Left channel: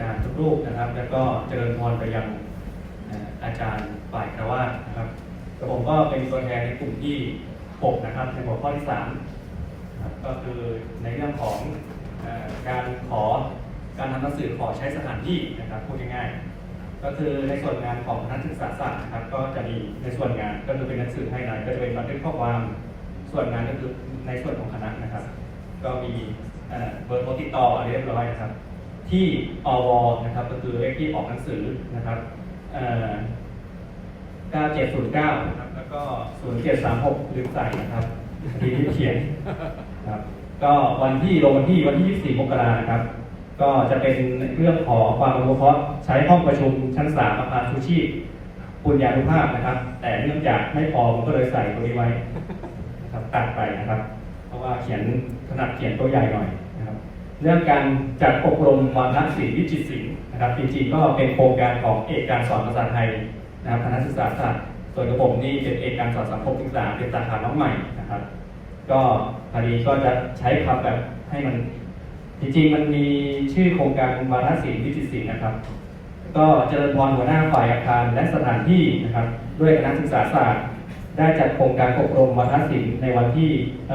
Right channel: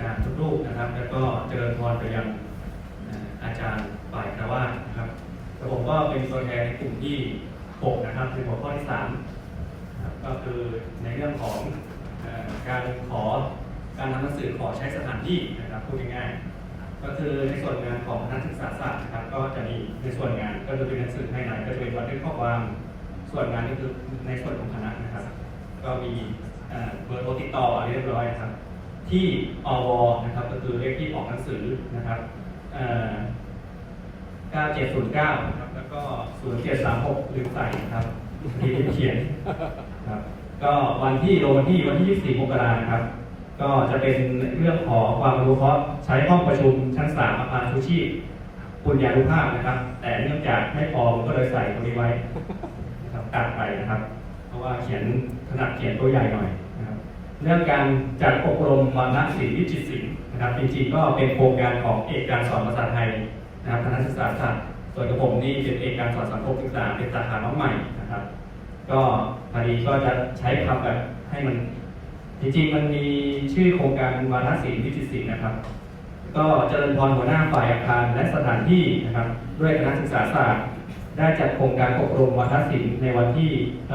จารย์ทุกรูปนะครับ แล้วก็เจริญพรไปยังอาจารย์ฝ่ายคารวาสนะครับผมก็เป็นตัวแทนในกลุ่มที่ 6 นะครับในหัวข้อที่ 3 ก็คือในเรื่องของอการขอการทำหนังสือขอใช้สถานที่นะครับพูดง่ายๆก็คือในส่วนงานของคณะศึกษาศาสตร์นะครับก็จะมีในส่วนงานก็จะเป็นหนังสือให้หน่อยก็จะเป็นบันทึกข้อความส่วนงานก็คือในส่วนของคณะนะครับ ก็มีเอ่อเบอร์โทรติดต่อเรียบร้อยนะครับ ที่อวนะครับก็คือเลขที่ออกหนังสือนะครับเอ่อ9709นะครับแล้วก็0736ลืมใส่นะครับที่เขียนครับก็วันที่ลงวันที่วันที่24มกรานะครับ ก็จะเป็นเรื่องขอความอนุเคราะห์ใช้ห้องประชุมชั้น3อาคารชูชีพปุญญานุภาพนะครับ แต่เนื่องจากไม่พอผมก็เลยใส่ตรงนี้ไว้นะครับตัดไปนะครับ เพราะว่าเขียนขนาดเขียนตัวใหญ่หน่อยนะครับ เรื่องการจัดอบรมวารณศิลป์วิจิตรศิลป์นะครับจริงๆก็เป็นโครงการของเอกการสอนภาษาไทยนะครับคณะศึกษาศาสตร์ส่วนกระผมนี่เป็นเอกการสอนสังคมศึกษาเป็นสาขาน้องใหม่นะครับ ก็พอดีก็จะใช้คำแบบให้มัน จริงๆมันมีชื่อโครงการวารณศิลป์วิจิตรศิลป์นะครับ ก็เจริญพรหัวหน้าฝ่ายอาคารและสถานที่นะครับ ด้วยคณะศึกษาศาสตร์ได้จัดโครงการอบรมวารณศิลป์ในวันที่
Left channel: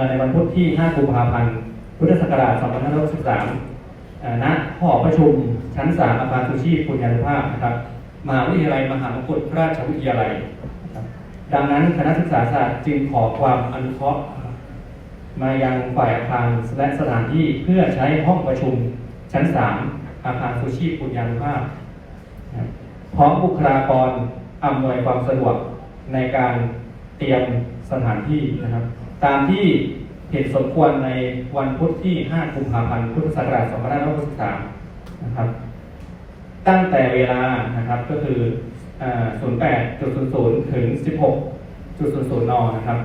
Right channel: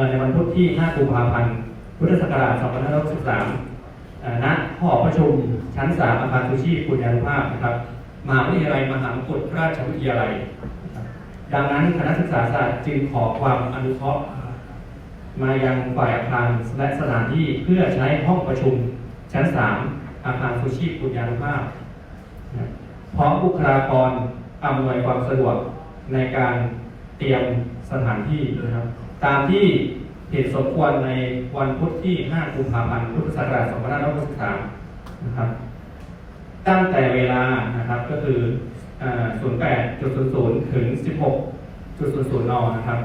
ในวันพุธที่ 5 กุมภาพันธ์ พุทธศักราช2563ณหอประชุมชั้น 3อาคารสุชีพปุญญานุภาพนะครับมหาวิทยาลัยมหามงกุฎราชวิทยาลัย ดังนั้นคณะศึกษาศาสตร์จึงขอความอนุเคราะห์มายังฝ่ายอาคารและสถานที่เพื่อใช้ห้องประชุมชั้น 3 อาคารสุชีพปุญญานุภาพพร้อมบุคลากรอำนวยความสะดวกในการเตรียมสถานที่นะครับ ตามที่ เหตุสมควรในวันพุธที่ 5 กุมภาพันธ์ พุทธศักราช2563 นะครับ ตั้งแต่เวลา นะครับ ก็คือ 08.00 ถึง 16.00 น นะครับ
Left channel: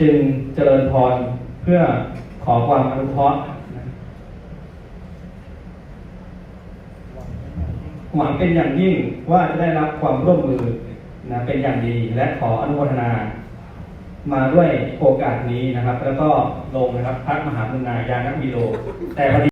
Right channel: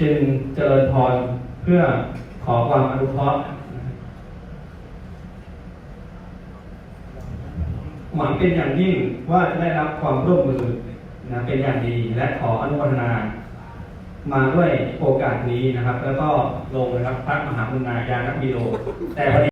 จึงเจริญพรเพื่อขอความอนุเคราะห์หวังเป็นอย่างยิ่งว่าจะได้รับความร่วมมือนะเป็นอย่างดีและขออนุโมทนา มาด้วยโอกาสนี้นะครับ แล้วก็ลงนะครับพระมหาบุญนายานักบิโลแต่พอดี